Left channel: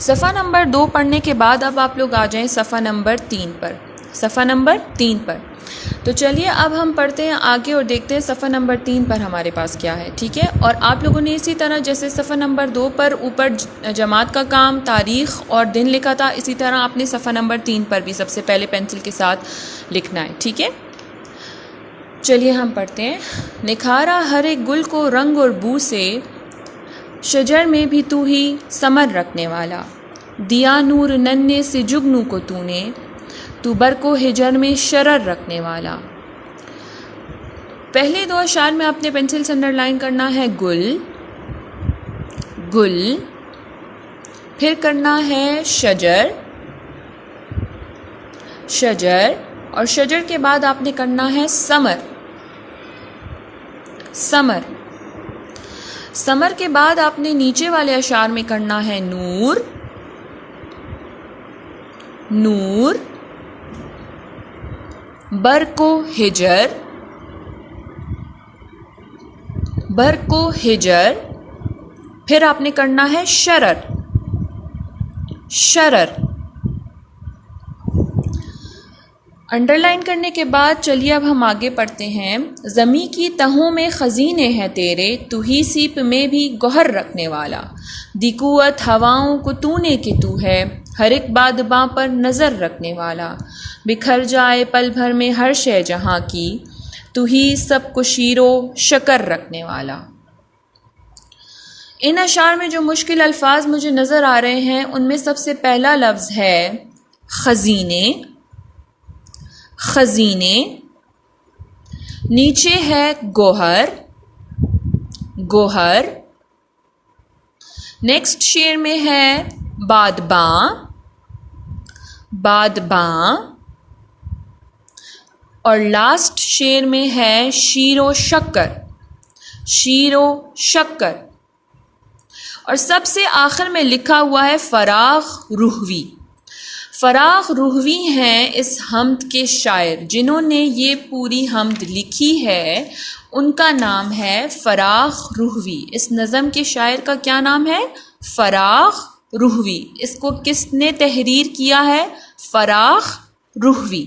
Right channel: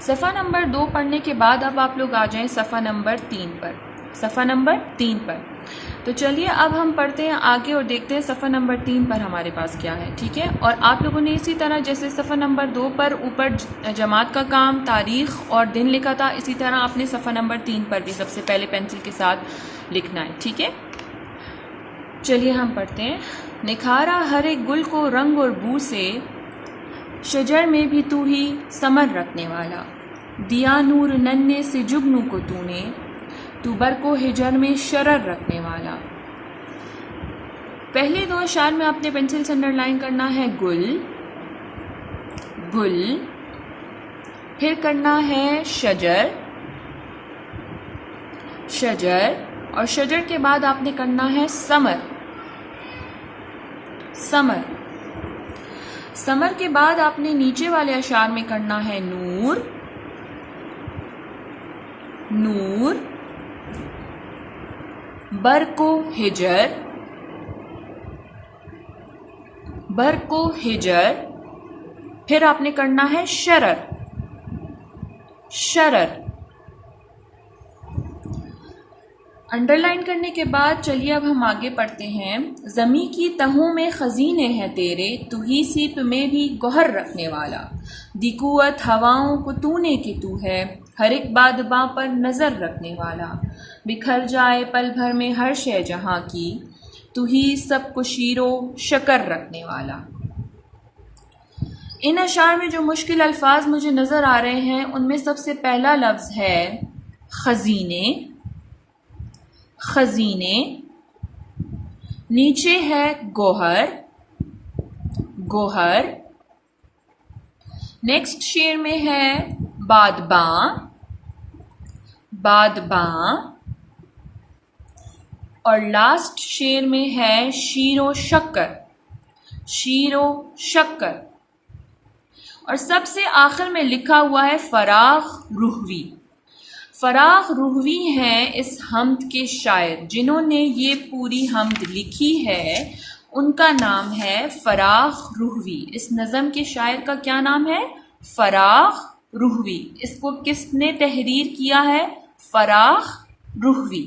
सफ़ा नंबर 2 पढ़ने के बाद अब आप लोग आ जाएं सफ़ा नंबर 3 पर। सफ़ा नंबर 3 पर तो चलिए अब हम पढ़ते हैं आगे और देखते हैं सफ़ा नंबर 3 पर हमारे पास क्या है। ठीक है, और आप लोगों ने इसी तरह जैसे सफ़ा नंबर 2 पर ऊपर जमात का काम, तारीख़ और दिन लिखा था, इसी तरह आपने सफ़ा नंबर 3 पर भी सबसे पहले पेंसिल के साथ लिखना है। ठीक है, चलिए हम पढ़ते हैं। निखारा हर एक गुल को रंग और बू से, शजर में भी तू ही समर रखने वाला। दिया नूर नन्हे से जुगनू को तूने, तू बर को हिजर में शरर रखने वाला। पहले दो अशार में आपने पेंसिल से अंडरलाइन करना है गुल, गुल, फिर करना है शजर, शजर, और शजर के बाद आपने करना है समर, समर। समर के बाद आपने नीचे वाले अशार में करना है नूर, नूर, बर को हिजर, बर को हिजर, फिर आपने करना है शरर, शरर। अंडरलाइन करने के बाद चलिए अब हम आगे पढ़ते हैं। ज़मी की तहों में खजीने हैं तेरे, तू ही सीप में भी गौहर रखने वाला। दिकुअत हवाओं को तूने कि तू है, हर एक बादबां पर नज़र रखने वाला। बिखर जाए पल भर में हर शय जहाँ की, तू ही सब को शीरो शकर रखने वाला। इन अशार में जो मुश्किल अल्फाज मुझे नज़र आ रहे हैं उनमें सबसे पहला लफ्ज़ है खजीने, खजीने, नीचे है गोहर, गोहर, नेक्स्ट शेर में है बादबां, बादबां, और लास्ट शेर में है शीरो शक्कर, शीरो शक्कर, और सबसे आखिर में लिखा हुआ है फराख रूहवी। फराख रूहवी हैं इस हमद के शायर, जिन्होंने ये पूरी हमद लिखी है उनका नाम है फराख रूहवी। इस नज़म के शायर का क्या नाम है? फराख रूहवी। इसको किसने तहरीर किया है? फराख रूहवी।